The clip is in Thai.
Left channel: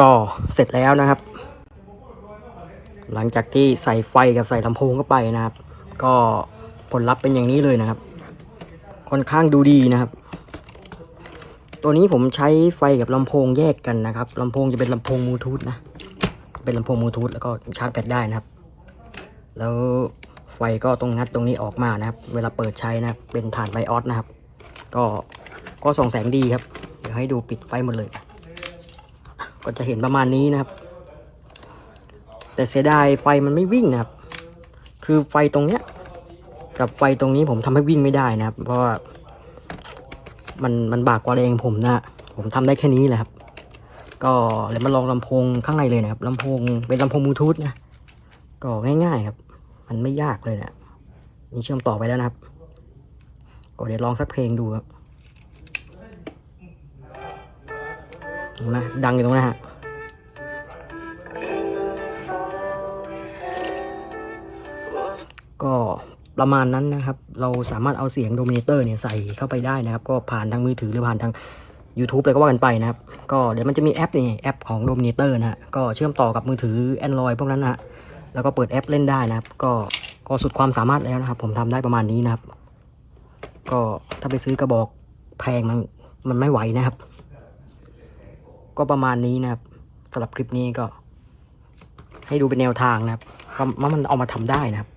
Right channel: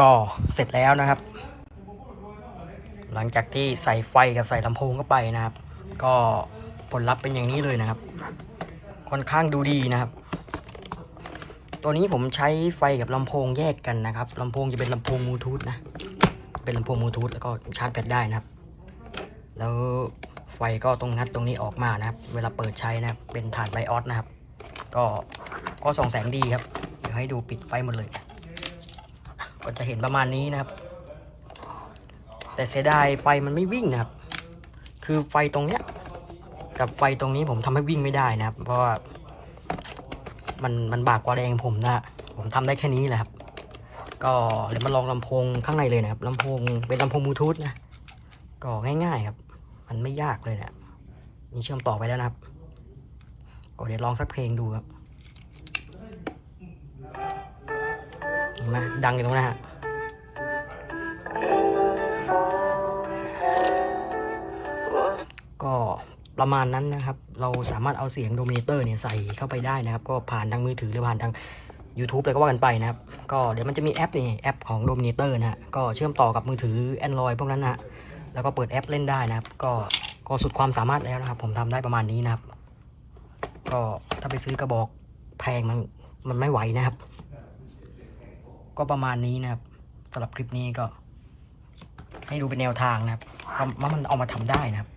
ก็เสร็จแล้วนะครับ หลังจากที่ใส่ไฟกับใส่ลำโพงเข้าไปนะครับ ก็ผลลัพธ์เป็นอย่างนี้เลยนะครับ ค่อนข้างดูดีนะครับ ตัวนี้ผมใช้ไฟกับลำโพงแยกกันนะครับลำโพงจะเป็นลำโพงบลูทูธนะ เป็นลำโพงบลูทูธแล้วก็ชาร์จแบตได้นะครับ แล้วไฟก็ตรงงัดตรงนี้ออกมานะครับ เวลาเปิดใช้นะเป็นฐานไลออสนะครับ ก็ก็ส่องแสงดีครับเดี๋ยวให้ดูปิดไฟหมดเลย ก็จะเห็นประมาณนี้นะครับ แต่เสียดายไฟมันไม่วิ่งนะครับ คือไฟตรงเนี้ย กับไฟตรงนี้ผมทำให้วิ่งไม่ได้นะครับ เพราะว่ามันมันบากกว่าแรงผมนะผมทำได้แค่นี้แหละครับ ก็เลยมาลองลำโพงข้างในเลยนะครับลำโพงเป็นลำโพงบลูทูธนะก็ง่ายๆครับ มันไม่ยากเลยนะนี่เชื่อมต่อไปแล้วนะครับ ก็เดี๋ยวลองสักเพลงดูครับ ดังอยู่ตรงนั้นฮะก็ประมาณนั้นนะครับ เราสามารถเอาเสียงโดมิเนเตอร์เนี่ยใส่เข้าไปได้นะครับ ก็ผ่านทางมือถือหรือผ่านทาง YouTube อะไรก็ว่ากันไปนะครับ ก็เดี๋ยวมันจะมีแอปนี่แอปของโดมิเนเตอร์นะฮะ ก็เชื่อมต่อกับมือถือ Android พวกนั้นนะฮะแล้วก็เปิดแอปเล่นได้นะครับ ก็ก็สุดความสามารถแล้วนะครับ ผมทำได้ประมาณนี้นะครับ ก็ถ้าไปซื้อกระบอกแพงมันมันไม่ไหวนะครับ ก็ประมาณนี้นะครับสำหรับคลิปนี้ก็ ให้ดูเป็นแนวทางนะครับว่ามันเอามาทำได้นะครับ